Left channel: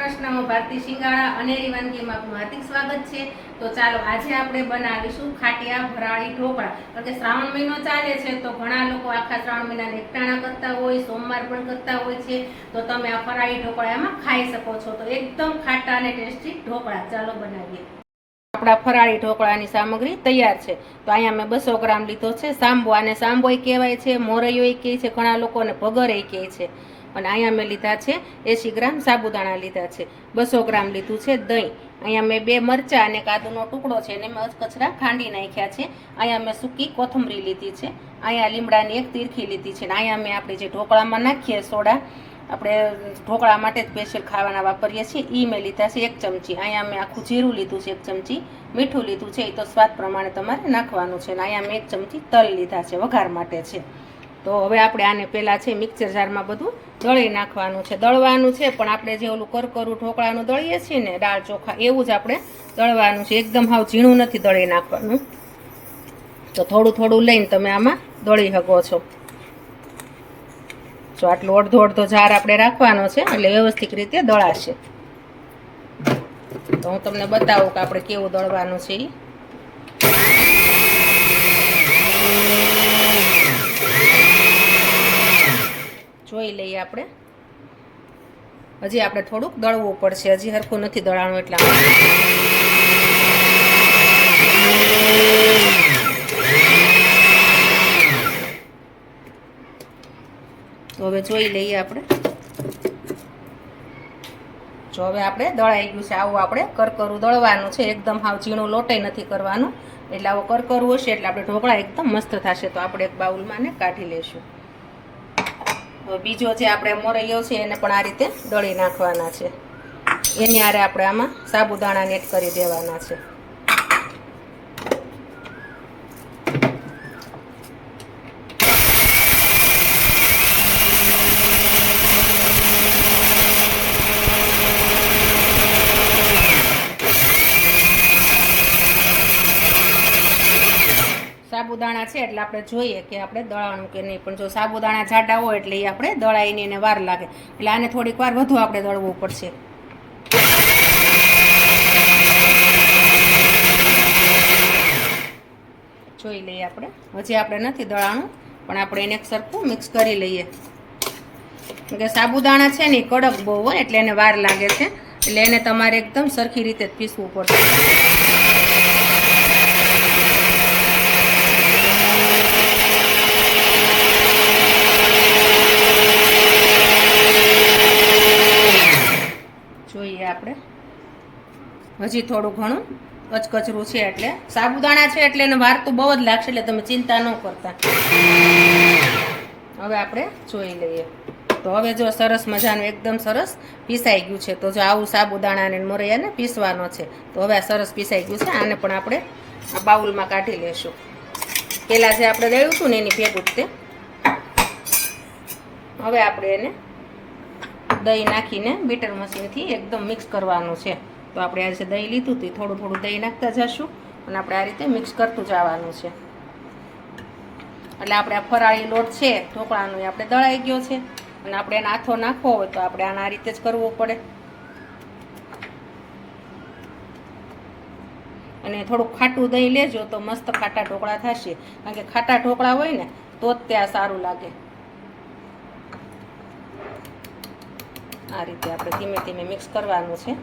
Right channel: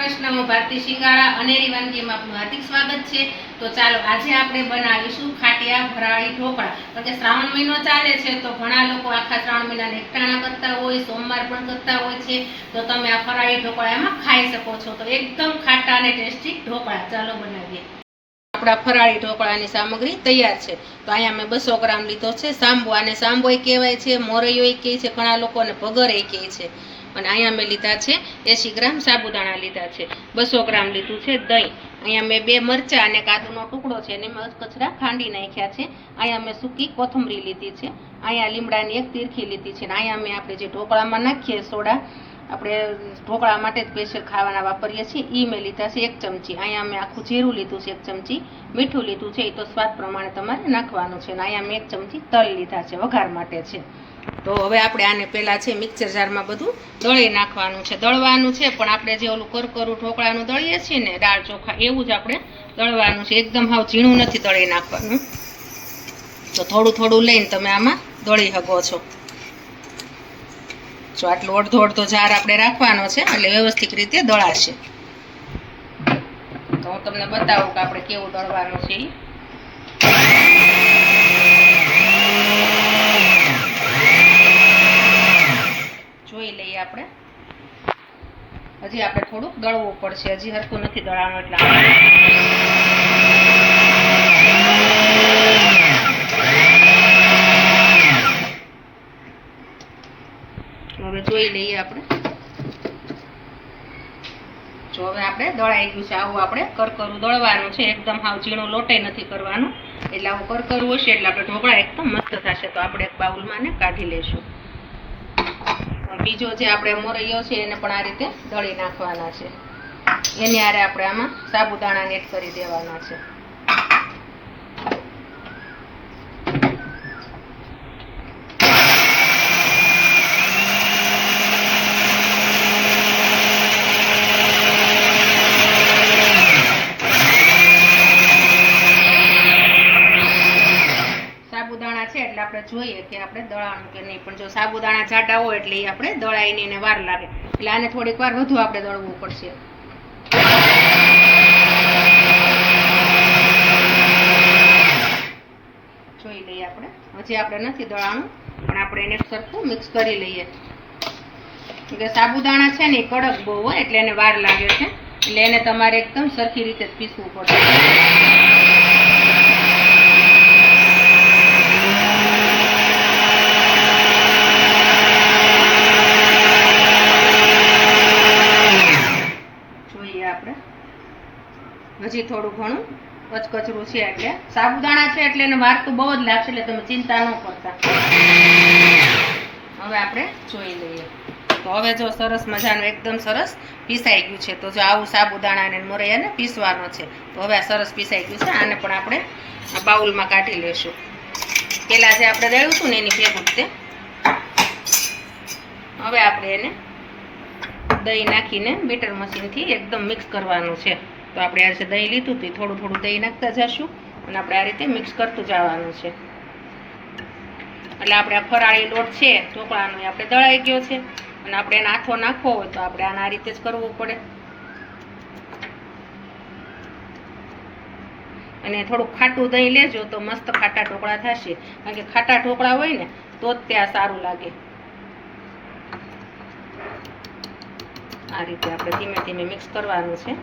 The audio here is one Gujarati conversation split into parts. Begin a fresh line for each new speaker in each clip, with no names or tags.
કૃષ્ણ હું ભારતી શિંગાળા અનેરી વાનગીમાં આપનું હાર્દિક સ્વાગત છે. તો ચાલો, આજે આપણે બનાવીશું ખાટિયા ફરાળી ઢોકળા. કારણ કે શ્રાવણ મહિનો ચાલે છે, તો ઘણા લોકો આખા શ્રાવણ મહિનાને એકટાણા કરતા હોય, સોમવાર પણ કરતા હોય છે. તો તમે આ ફરાળી ઢોકળા એમાં ખાઈ શકો છો. તો એકદમ ખાટા અને ટેસ્ટી ઢોકળા. ચાલો બનાવીએ. આપણા ફરાળી ઢોકળાની સામગ્રી તૈયાર છે. તો અહીંયા મેં બસો ગ્રામ લીધો છે. સાંબો અને સાંબોય કહેવાય છે, મોરૈયોય કહે છે, ઘણા લોકો અને ભગરે કહે છે. અને અહીંયા મેં લીધા છે એંસી ગ્રામ સાબુદાણા લીધા છે. બસો ગ્રામ લીધું છે દહીં. અહીંયા મેં બે મરચાં અને કાદુનો ટુકડો છે એને મેં અચકચરા ખાંડી નાખ્યા છે. અહીંયા મેં સૂકી કોથમરી લીધી છે. અહીંયા લીમડાની એક તીરખી લીધી છે. અને અહીંયા મેં આપણે જે ઢોકળામાં નાખીએ સોડા, આપણે ઢોકળા માટે સ્પેશિયલ ખાવાના વાપરીએ છીએ એ મેં લીધા છે એક ચમચી. અહીંયા મેં આખું જીરું લીધું છે એક ચમચી. મીઠું લીધું છે એ તો સ્વાદ પ્રમાણે તમારે નાખવાનું છે. અને અહીંયા મેં એક ચમચી તલ લીધા છે, વઘાર માટે છે. તો હવે આપણે આને પહેલાં છે મિક્સર જારમાં બધું દળી નાખવાનું છે. દળવાનું છે, પણ આપણે જે ઓલું કરકરું ઢોકળાનું દળીએ છીએ ને, દાળ ચોખા, એવું જ આપણે દળવાનું છે. એકદમ હાવ ઝીણું નથી દળી નાખવાનું. તો થોડું થોડું લઈને તમે આમાં દળી શકો છો. જો આટલો અડધો અડધો જાર આપણે રાખવાનો છે, એટલે વ્યવસ્થિત રીતે દળાશે. તો હું તમને બતાવું કે આપણે કેવું દળવાનું છે ઈ. જોઈ લઈએ આપણે. હજી આપણે થોડુંક દળવું પડશે. હજી હરખું નથી દળાણું એટલે હવે જોઈ લઈએ આપણે. જો હવે આપણે દળાઈ ગયું છે. આવું આપણે કરકરું દળવાનું છે. એકદમ હાવ ઝીણું લોટાઈ નથી કરવાનું. એટલે આવું કરકરું હશે એટલે આપણે ઢોકળા એકદમ મસ્ત થશે. તો આપણે એક બાઉલમાં કાઢી લઈશું. બીજો જે આપણે મોરૈયો છે એને પણ આ રીતે દળી નાખવાના છે. એની આરે આપણે આમાં સાબુદાણા નેટ કરી દેવાના છે સાબુદાણા છે એટલે આપણે જોઈએ કે આપણે દળાણું કે નહીં. પણ જો સાબુદાણા જાડા હોય એટલે એ આપણે દળાઈને એને વાર લાગે. એટલે આને થોડીક વાર વધુ આપણે દળવું પડશે. જોઈ લઈએ આપણે. હજી આપણે નથી દળાણું, પણ આપણે એને સરખું મિક્સ કરી લઈએ. કે સાબુદાણા છે ને એ કડક બહુ હોય એટલે એને વાર લાગે છે. એટલે એને તમારે એકદમ સરખી રીતે જ પીસવું પડશે જોઈએ આપણે હજી થોડું ઘણું કચકચરું છે એટલે. સાબુદાણા છે એટલે એને વાર તો બહુ જ લાગશે એટલે તમે ચિંતા ન કરતા. હવે આપણે જોઈ લઈએ. તો હવે જો સરસ મજાનું, એકદમ સરસ પીસાઈ ગયું છે. તો જો આવું સાબુદાણાને મોરૈયાને પીસવાનો છે. તો હવે આ સરસ પીસાઈ ગયું છે. આને પણ આપણે બાઉલમાં કાઢી લેશું. પહેલાં જે આપણે રેડ્યું હતું ને એની ભેગું તે હવે આપણે એને દહીં નાખીને બીટર મશીનથી એકદમ મિક્સ કરવાનું છે. તો આપણે આજે દહીં લીધું હતું થોડું થોડું દહીં નાખતા જશું અને આપણે આ રીતે મિક્સ કરતું જવાનું છે. એટલે આપણે આ ફરાળી લોટ છે, ઢોકળાનો આપણે દળાઈ ગયો છે અને આપણે એને આથો નાખવો હોય તો આપણે આને આ રીતે જ કરવો પડે. અને થોડુંક ખાટું દહીં લેજો તો મસ્ત ખાટા ઢોકળા થશે. કારણ કે ખાટા ઢોકળા હોય ને, તો જ ત્યાં સારું લાગે. આ રીતે આપણે ધીમે ધીમે મિક્સ કરવાનું છે.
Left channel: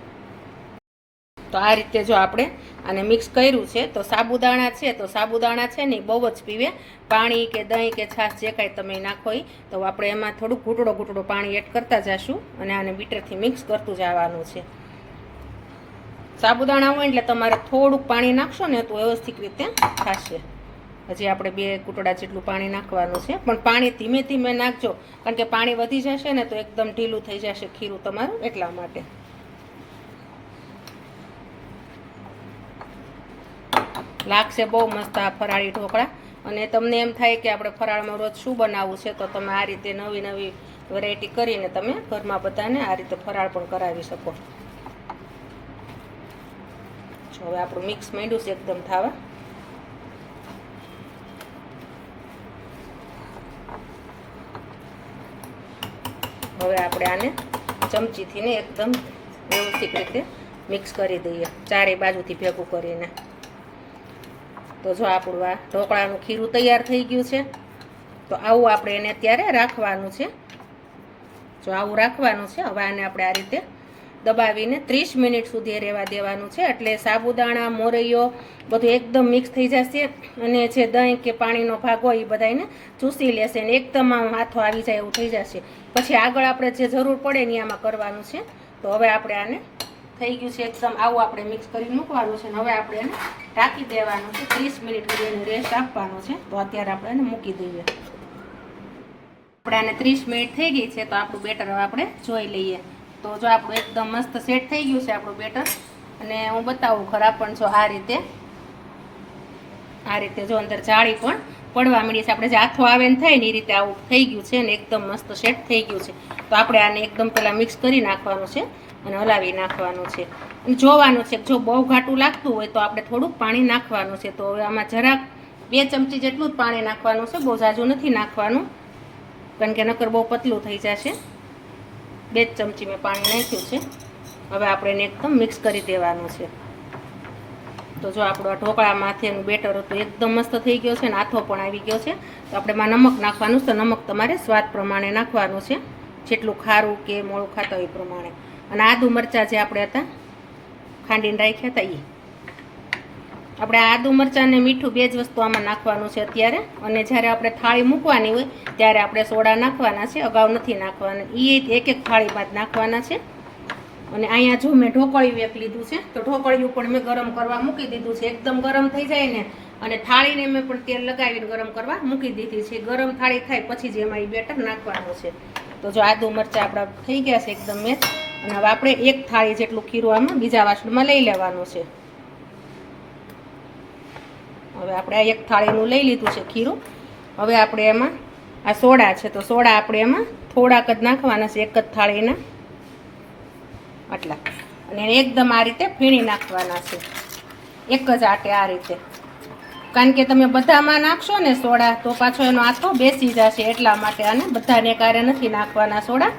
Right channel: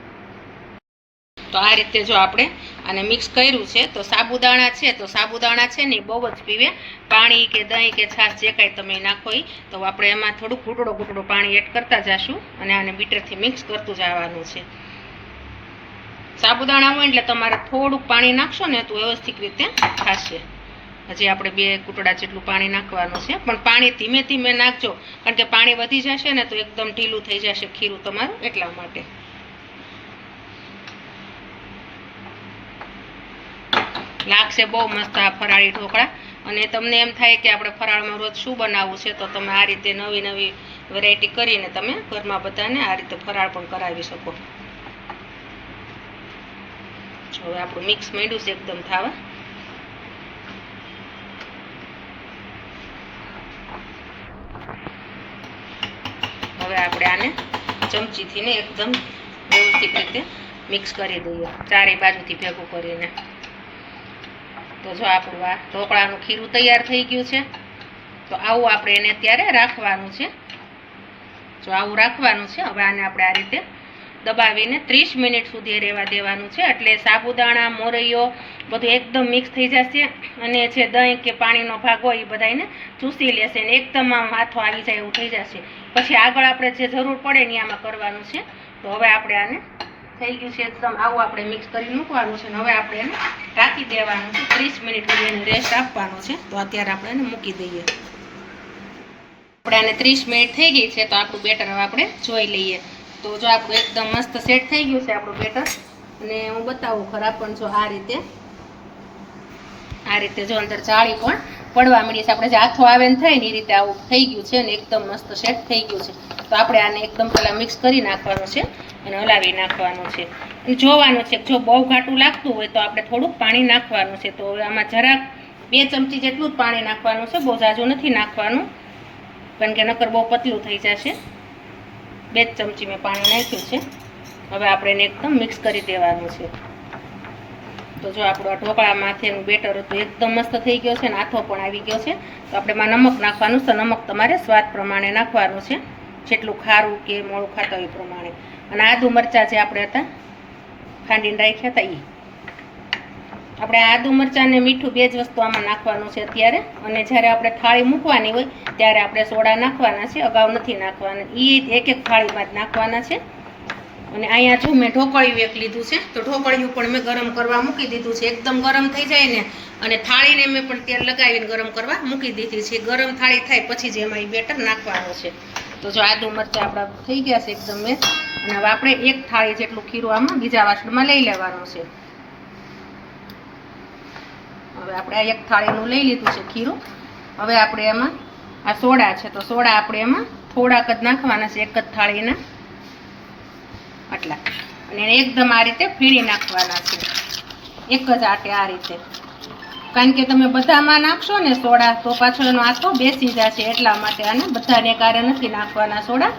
તો આ રીતે જો આપણે આને મિક્સ કર્યું છે, તો સાબુદાણા છે, તો સાબુદાણા છે ને બહુ જ પીવે. પાણી કે દહીં કે છાશ જે કાંઈ તમે નાખો ઈ તો આપણે એમાં થોડું ઘૂંટડો ઘૂંટડો પાણી એડ કરતા જશું અને આને બીટરથી મિક્સ કરતું જવાનું છે. સાબુદાણા હોય એટલે તમારે થોડુંક પાણી નાખશો ને તો વ્યવસ્થિત રીતે થશે હજી આપણે બે કૂટડા જેટલું પાણી નાખવાનું છે, પણ પાણી ધીમે ધીમે નાખજો. કારણ કે પાણી વધી જશે ને તો એકદમ ઢીલું થઈ જશે ખીરું તમારું એટલા માટે. લાગશે બહુ મસ્ત આ ફરાળી ઢોકળા. અને તમને એમ થાય કે આપણે ફરાળમાં રોજ શું બનાવવું છે, તો તમે આ રીતે નવી નવી વેરાયટી કરીને તમે ઘરમાં બધાને આ રીતે ફરાળ પણ કરાવી શકો. જો હવે આપણું મિક્સ માંડ્યું છે એકદમ થાવા. હવે આપણે આને ચમચીથી ને એકદમ વ્યવસ્થિત રીતે મિક્સ કરી દઈએ. ચારેય બાજુથી ભેગું કરીને. તો જો આપણું આ ઢોકળાનું ખીરું તૈયાર થઈ ગયું છે, તો આવું આપણે એને અત્યારે રાખવાનું છે. જો આવું રાખવાનું છે, હવે આને આપણે આ રીતે દબાવીને ત્રીસ મિનિટ સુધી રહેવા દેવાનું છે. એટલે સાબુદાણા, મોરૈયો બધું એકદમ મિક્સ થઈ જશે અને જે દહીં કે પાણીનો ભાગ હોય એ બધાને ચૂસી લેશે ને એકદમ આમ હાથો આવી જાય એવું થઈ જશે. પછી આગળ આપણે જે જરૂર પડે ને આમાં કરવાનું છે. તો હવે આપણે આને થઈ ગયું છે એકદમ આવું આપણે મિક્સ કરી મૂકવાનું છે ને હવે આપણે એને ઢાંકી દેવાનું છે. ત્રીસ મિનિટ સુધી એને રેસ્ટ આપવાનો છે. તો અત્યારે આપણે એને મૂકી દઈએ. આપણે આને ત્રીસ મિનિટ થઈ ગઈ છે, તો આપણું બેટર હવે આપણે જોઈ લઈએ. તો જો આપણું એકદમ મસ્ત સેટ થઈ ગયું છે આપણું બેટર. અને હું બતાવું ખરાબ પણ જો આ રીતે આ રીતે જો અંદર જાળી પણ પડવા માંડીએ છીએ. આપણે જે હાથો આવે ને થાય ને એ રીતે આવું થઈ ગયું છે ને એકદમ મસ્ત સેટ થઈ ગયું છે. તો આપણે આને એકદમ પહેલાં મિક્સ કરી નાખવાનું છે અને હલાવી નાખવાનું છે. અને જોવાનું છે જો બહુ ઘાટું લાગતું હોય તો આપણે થોડુંક પાણી નાખવાનું છે. તો હવે આમાં જરાક બે ચમચી જેટલું જ પાણી નાખવાનું છે. બહુ ઝાઝું નથી નાખવાનું, કારણ કે નકર બહુ પતલું થઈ જશે. બે ચમચી મેં પાણી નાખ્યું છે. હવે આપણે એને એકદમ મિક્સ કરી દેવાનું છે. તો જો આપણું આ ઢોકળા માથેનું બેટર હતું, એકદમ મસ્ત થઈ ગયો છે ને આથો પણ આવી ગયો છે. તો આપણે એમાં નમક નાખવાનું છે. નમક તમારે સ્વાદ પ્રમાણે નાખવાનું છે. જેટલું ખારું કે મોળું ખાતા હોય એ પ્રમાણે. અને આદુ મરચાં જે આપણે હતા, ખાંડીને રાખ્યા હતા એ આપણે આદુ મરચાં ને મીઠું બે જ વસ્તુ આમાં નાખવાનું છે અત્યારે. અને જ્યારે આપણે થાળી મૂકવાની હોય, ત્યારે આપણે સોડા નાખવાના છે. અગાઉ નથી નાખવાના. એ એક એક થાળીમાં જ નાખવાના છે. અને અહીંયા જો મેં ઢોકળિયું એક લીધું છે, તો ઢોકળિયું પણ મેં ગરમ કરવા મૂકી દીધું છે. એકદમ ગરમ થઈ જાય ને, અને થાળીને મેં પણ તેલ લગાવીને ગરમ કરવા મૂકી દીધી છે. ગરમ થાળી થાય પછી જ એમાં એ બેટર નાખવાનું છે. તો જો આદુ મરચાં આપણા થઈ ગયા છે એકદમ મેં. અને હવે આપણે એક થાળી જેટલું ખીરું આમાં બીજા વાસણમાં લઈ લેવાનું છે. હવે આપણે આ એક થાળીનું લઈ લીધું છે ખીરું. હવે આપણે એમાં આ સોડા છે, તો સોડા આપણે એમાં થોડાક જ નાખવાના છે, એક જ થાળીના. આટલા. અને એકદમ આ રીતે ફીણી નાખવાના છે. એક જ આટે આ રીતે. કારણ કે તમે બધામાં નાખશો ને સોડા, તો પાછો એનો આથો બેસી જશે એટલા માટે આને બધાને કારે નથી નાખવાના સોડા.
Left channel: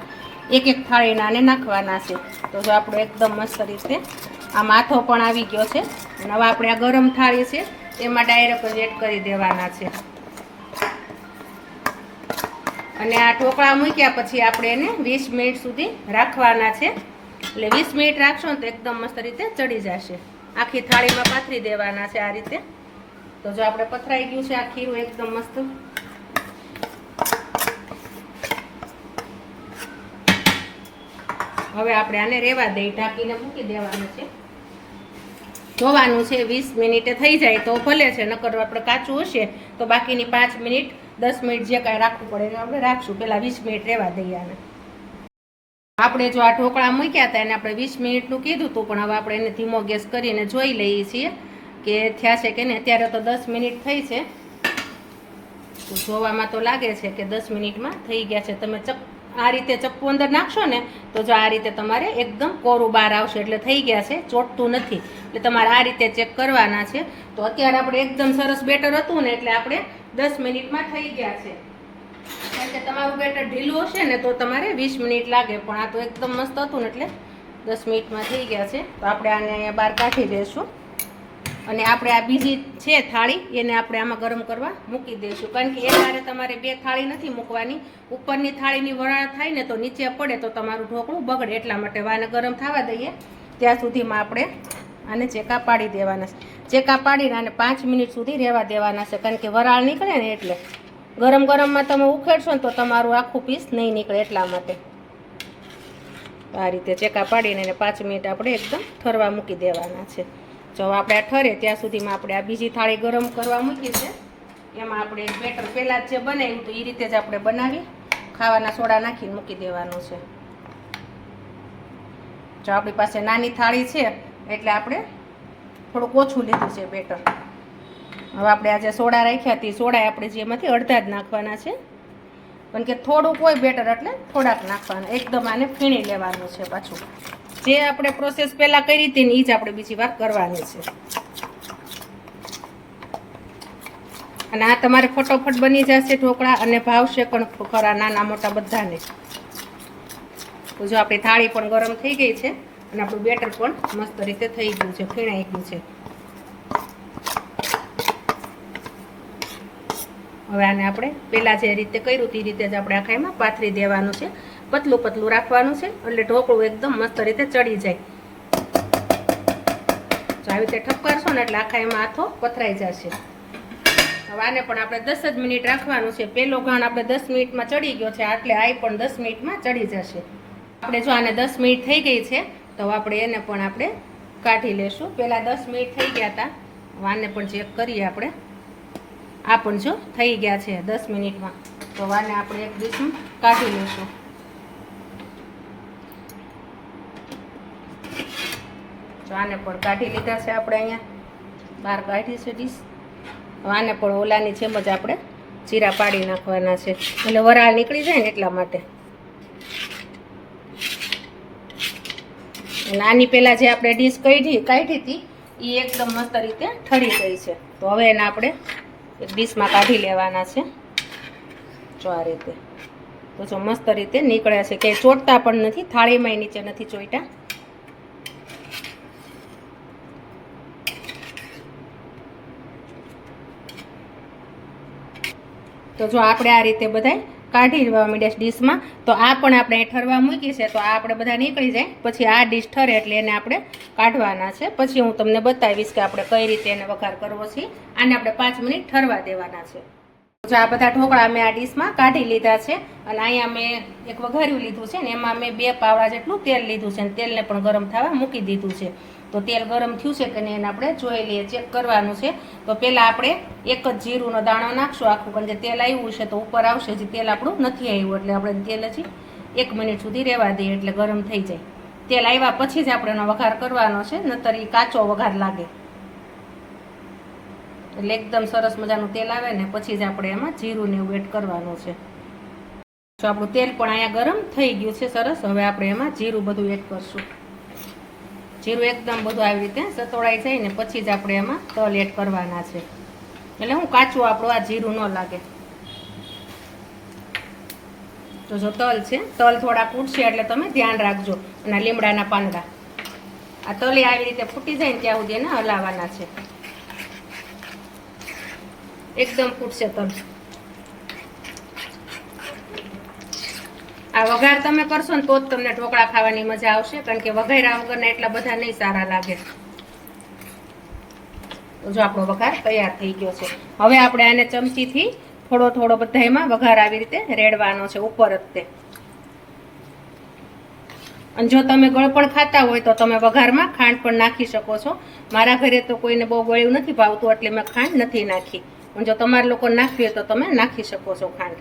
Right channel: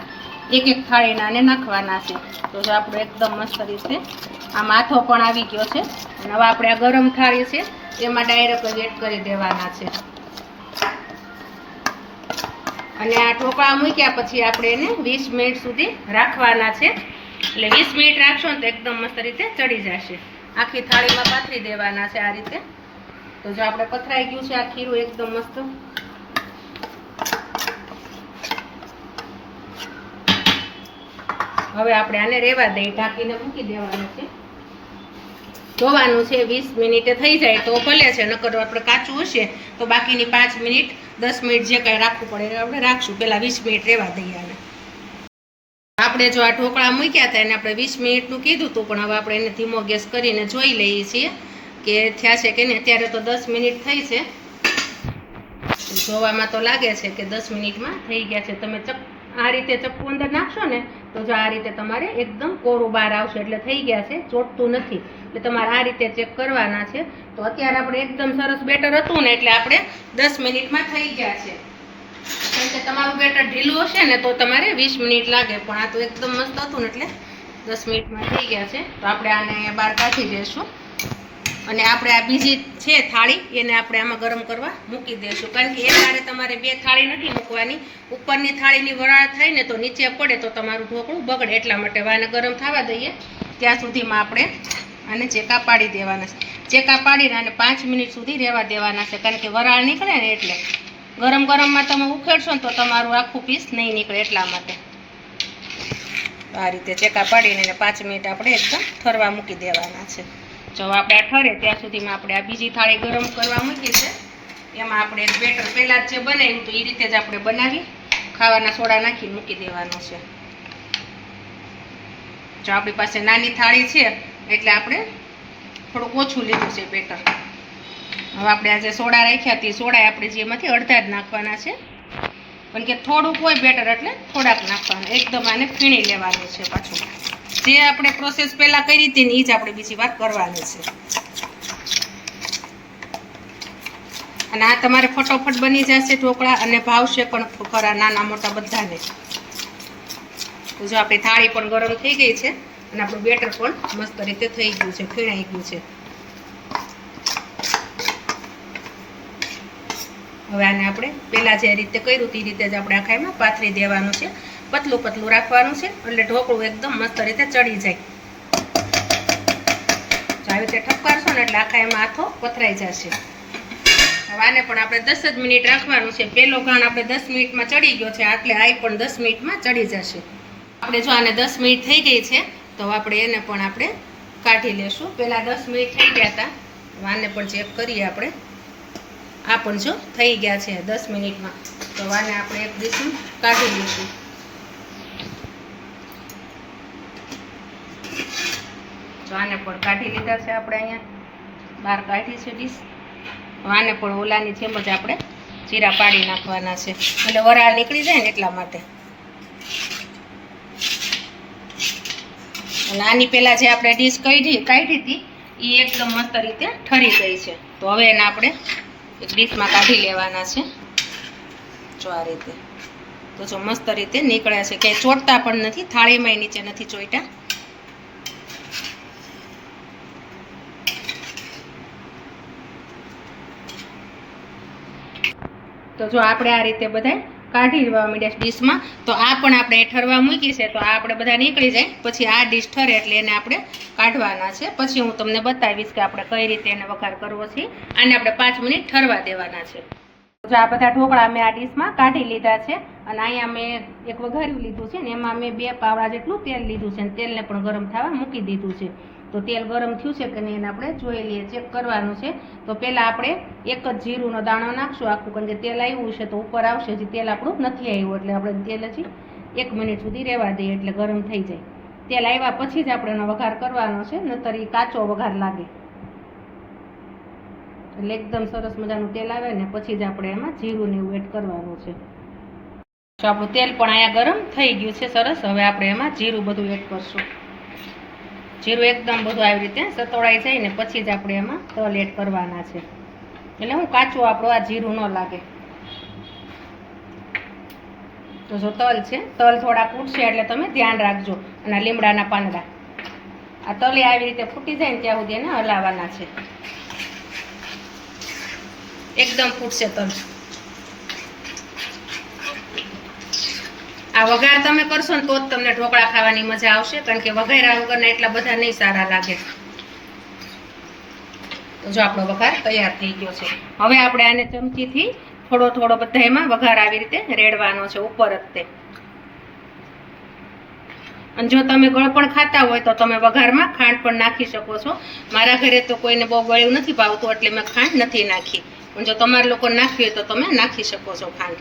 એક એક થાળીના આને નાખવાના છે. તો જો આપણો એકદમ મસ્ત રીતે આ માથો પણ આવી ગયો છે. અને હવે આપણે આ ગરમ થાળી છે, એમાં ડાયરેક્ટ એડ કરી દેવાના છે. અને આ ટોપા મૂક્યા પછી આપણે એને વીસ મિનિટ સુધી રાખવાના છે. એટલે વીસ મિનિટ રાખશો ને તો એકદમ મસ્ત રીતે ચડી જશે. આખી થાળીમાં પાથરી દેવાના છે આ રીતે. તો જો આપણે પથરાઈ ગયું છે આ ખીરું એકદમ મસ્ત. હવે આપણે આને રેવા દઈ ઢાંકીને મૂકી દેવાનું છે. જોવાનું છે, વીસ મિનિટે થઈ જાય તો ભલે છે, નકર આપણે કાચું હશે તો બાકીની પાંચ મિનિટ, દસ મિનિટ જે કાંઈ રાખવું પડે એ આપણે રાખશું. પહેલાં વીસ મિનિટ રહેવા દઈએ આને. આપણે જો આ ઢોકળા મૂક્યા હતા, એને આપણે વીસ મિનિટનું કીધું હતું, પણ હવે આપણે એને ધીમો ગેસ કરીને જોઈ લઈએ છીએ કે થયા છે કે નહીં. અત્યારે તો દસ મિનિટ થઈ છે. જોવામાં તો લાગે છે કે દસ મિનિટમાં થઈ ગયા છે. તમે ચપ આ રીતે ચપ્પુ અંદર નાખશો ને, તો જો આ રીતે તમારે એકદમ કોરું બહાર આવશે, એટલે થઈ ગયા છે, ચોટતું નથી. એટલે તમારે આ રીતે ચેક કરવાના છે. તો અત્યારે આપણે એકદમ સરસ બેટર હતું ને, એટલે આપણે દસ મિનિટમાં થઈ ગયા છે. કે તમારું બેટર ઢીલું હશે ને તો તમારે વીસ મિનિટ લાગે. પણ આ તો એકદમ મસ્ત હતું ને એટલે દસ મિનિટમાં થઈ ગયા છે. તો આપણે આને બહાર કાઢી દઈશું. અને આપણે આ બીજી છે થાળી, એને આપણે આમાં ગરમ કરવા મૂકી દઈશું. કારણ કે એ તારે તમારે બે થાળી નથી મૂકવાની. ઉપરની થાળીની વરાળ થાય ને તો નીચે પડે તો તમારું ઢોકળું બગડે. એટલા માટે વાને ગરમ થવા દઈએ. ત્યાં સુધીમાં આપણે આને ચેકા પાડી દેવાના છે. ચેકા પાડીને આને પાંચ મિનિટ સુધી રહેવા દેવાના છે. કારણ કે વરાળ નીકળે ને એટલે. ગરમ ગરમમાં તમે ઉખેડશો ને તો તમારું આખું પીસ નહીં નીકળે એટલા માટે. આ રીતે ચેકા પાડીને એને પાંચ મિનિટ આપણે એકદમ ઠરવા મૂકી દેવાના છે. જો આપણે આ ઠરે ત્યાં સુધીમાં આપણે આ બીજી થાળી ગરમ કરવા મૂકી છે. એમાં આપણે બેટર પહેલાં જ બનાવ્યું તો એ રીતે જ આપણે બનાવી ખાવાના સોડા નાખીને મૂકી દેવાનો છે. જો આપણી પાસે નાની થાળી છે એટલે આપણે થોડુંક ઓછું લીધું છે બેટર. હવે આપણે આજે સોડા રાખ્યા હતી સોડા આપણે જેમાંથી અડધા જ નાખવાના છે. કારણ કે થોડુંક હોય બેટર એટલે થોડાક નાખવાના. એકદમ આને ફીણી લેવાનું છે પાછું. જે આપણે પ્રોસેસ પહેલાં કરી હતી ને એ જ આપણે બીજી વાર કરવાની છે. અને આ તમારે ફટોફટ બની જશે ઢોકળા અને ભાવશે પણ ખરા નાના મોટા બધાને. તો જો આપણી થાળી પણ ગરમ થઈ ગઈ છે અને આપણું બેટર પણ મસ્ત રીતે થઈ ગયું છે, ફીણાઈ ગયું છે. હવે આને આપણે પહેલાં જે રીતે કર્યું તે રીતે જ આપણે આખા એમાં પાથરી દેવાનું છે. પતલું પતલું રાખવાનું છે એટલે ઢોકળું એકદમ મસ્ત રીતે ચડી જાય. જો આવી રીતે ઠપકારશો ને એટલે આખા એમાં હાથો પથરાઈ જશે. હવે આને પણ આપણે દસ જ મિનિટ રાખવાનું છે. પહેલો ઘાણ આપણે દસ મિનિટમાં ચડી ગયો છે, આટલે આ પણ દસ મિનિટમાં ચડી જશે. આપણે જો આને દસ મિનિટ થઈ ગઈ છે, તો આપણે એને પણ આપણે કાઢી લેશું. પહેલાં દસ મિનિટ થઈ ગયા હતા. વાને પણ ચેક કરીએ આપણે. આ પણ જો થઈ ગયા છે દસ મિનિટમાં. તો આને આપણે એક ડીશમાં કાઢી લઈશું. વાને પણ કાઢી લીધા છે આપણે અહીંયા. બહાર કાઢી છે ડીશ. આને પણ ઓલાની જેમ જ આપણે જીરા પાડી નાખવાના છે. એટલે વરાળ નીકળી જાય ને એટલા માટે. અને આની પહેલાં જે આપણે ડીશ કાઢી કાઢી હતી એ એકદમ મસ્ત રીતે ઠરી ગઈ છે. તો હવે એને આપણે એક ડીશમાં કાઢી લેવાના છે. જો આ રીતે. તો જો મસ્ત રીતે નીકળ્યા છે. ક્યાંય ચોટતા પણ નથી થાળીમાં નીચે નથી ચોઈટા તો જો આપણે આ રીતે બધાય કાઢી લેવા માંડ્યા ડીશમાં. તો આ પણ આપણે ઠરવા મૂકી છે, તો આ આપણે બધા નીકળી જાય. પછી આ ડીશ ઠરે એટલે એને આપણે કાઢવાના છે. પછી હું તમને બતાવીશ કે આપણે કઈ રીતે એને વઘાર કરવો છે. આને આપણે પાંચ મિનિટ ઠરવા દેવાના છે. જો આ બધા ઢોકળા મેં આ ડીશમાં કાઢી લીધા છે અને અહીંયા મેં એક વઘાર્યું લીધું છે ને, એમાં મેં બે પાવડા જેટલું તેલ લીધું છે અને તેલને પણ ગરમ થવા મૂકી દીધું છે. તો તેલ ગરમ થયું છે કે એને આપણે જોઈ લઈએ, ચેક કરવાનું છે. તો પહેલાં આપણે એક જ જીરુંનો દાણો નાખશું, આખું પણ જે તેલ આવ્યું છે તો ઉપર આવશે જે તેલ આપણું નથી આવ્યું, એટલે આપણે તેલ હજી એક મિનિટ સુધી રહેવા દઈએ, એટલે ગરમ થઈ જાય. તેલ આવ્યા પછી જ આપણે એનો વઘાર કરવાનો છે, નતર એ કાચો વઘાર લાગે. એટલે એકદમ સરસ મજાનું તેલ આવે ને પછી જ આપણે એમાં જીરું ને એવું એડ કરવાનું છે. તો આપણું તેલ પણ અહીંયા ગરમ થઈ ગયું છે સરસ, હવે આપણે એમાં જીરું બધું એડ કરશું. જીરું એકદમ બધું આવી રીતે સતોડાઈ જાય ને પછી જ આપણે એમાં તલ એડ કરવાના છે. એટલે હું કાચું આપણું આ જીરું ન લાગે. તો જો તલ છે, તલ થોડા ફૂટશે એટલે તમે ધ્યાન રાખજો. અને લીમડાના પાંદડા. આ તલે આવી રીતે ફૂટી જાય ને ત્યાં સુધી એને હલાવવાના છે. એકદમ ફૂટશે તલ. આ વઘાર તમે કરશો ને તો જ તમને ઢોકળા ખાવાની મજા આવશે, કારણ કે વઘાર્યા વગરના એટલા બધા નહીં સારા લાગે. તો જો આપણો વઘાર તૈયાર થઈ ગયો છે. હવે આપણે આને ચમચીથી થોડો થોડો બધા એમાં વઘાર આવી રીતે રેડવાનો છે ઉપર જ તે. અને જો તમે ગળપણ ખાતા હોય તો તમે વઘારમાં ખાંડ પણ નાખી શકો છો. મારા ઘરે તો કોઈને બહુ ગળ્યું નથી ભાવતું, એટલે મેં ખાંડ નથી નાખી. જો તમારે લોકો નાખવી હોય તો તમે નાખી શકો છો ખાંડ.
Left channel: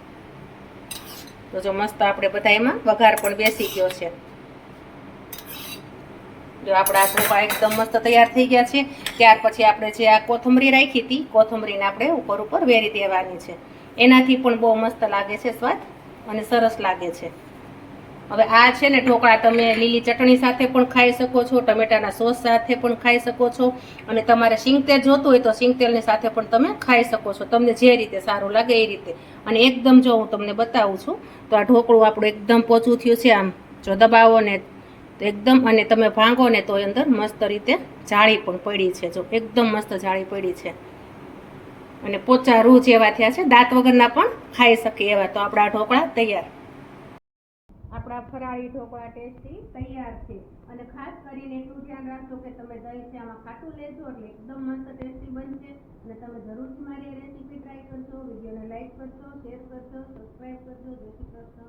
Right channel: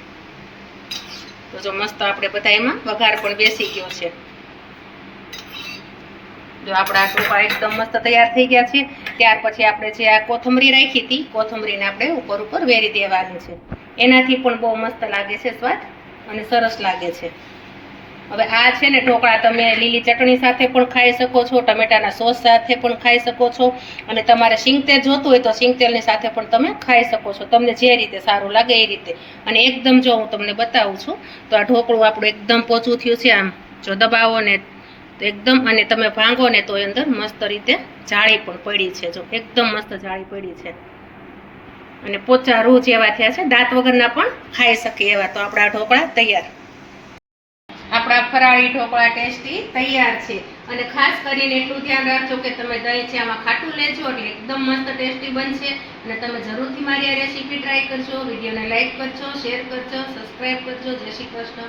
તો જો મસ્ત આપણે બધા એમાં વઘાર પણ બેસી ગયો છે. જો આપણા ટોપા એકદમ મસ્ત તૈયાર થઈ ગયા છે. ત્યાર પછી આપણે જે આ કોથમરી રાખી હતી, કોથમરીને આપણે ઉપર ઉપર વેરી દેવાની છે. એનાથી પણ બહુ મસ્ત લાગે છે સ્વાદ અને સરસ લાગે છે. હવે આ છે ને ઢોકળા તમે લીલી ચટણી સાથે પણ ખાઈ શકો છો, ટમેટાના સોસ સાથે પણ ખાઈ શકો છો અને તમારે સિંગતેલ જોતું હોય તો સિંગતેલની સાથે પણ તમે ખાઈ શકો છો. તમને જે રીતે સારું લાગે એ રીતે. અને એકદમ જો હું તમને બતાવું છું, તો આ ઢોકળું આપણું એકદમ પોચું થયું છે આમ. જો દબાવો ને તો એકદમ અને તમે ભાંગો ને તો અંદર મસ્ત રીતે જાળી પણ પડી છે. જો એકદમ મસ્ત જાળી પડી છે. અને પોચા રૂ જેવા થયા છે. દાંત વગરના પણ ખાઈ શકીએ એવા. તો આપણા ઢોકળા તૈયાર. આપણા ફરાળી ઢોકળા ટેસ્ટી તૈયાર છે. અને ખાસ કરીને એટલું ધ્યાન રાખજો કે તમે દહીં છે આમાં ખાટું લેજો એટલે એકદમ મસ્ત ટેસ્ટી બનશે. અને તમે જરૂરથી મારી આ રેસીપી ટ્રાય કરજો. વિડીયોને લાઇક કરજો, શેર કરજો સબસ્ક્રાઈબ કરજો. જય શ્રી કૃષ્ણ.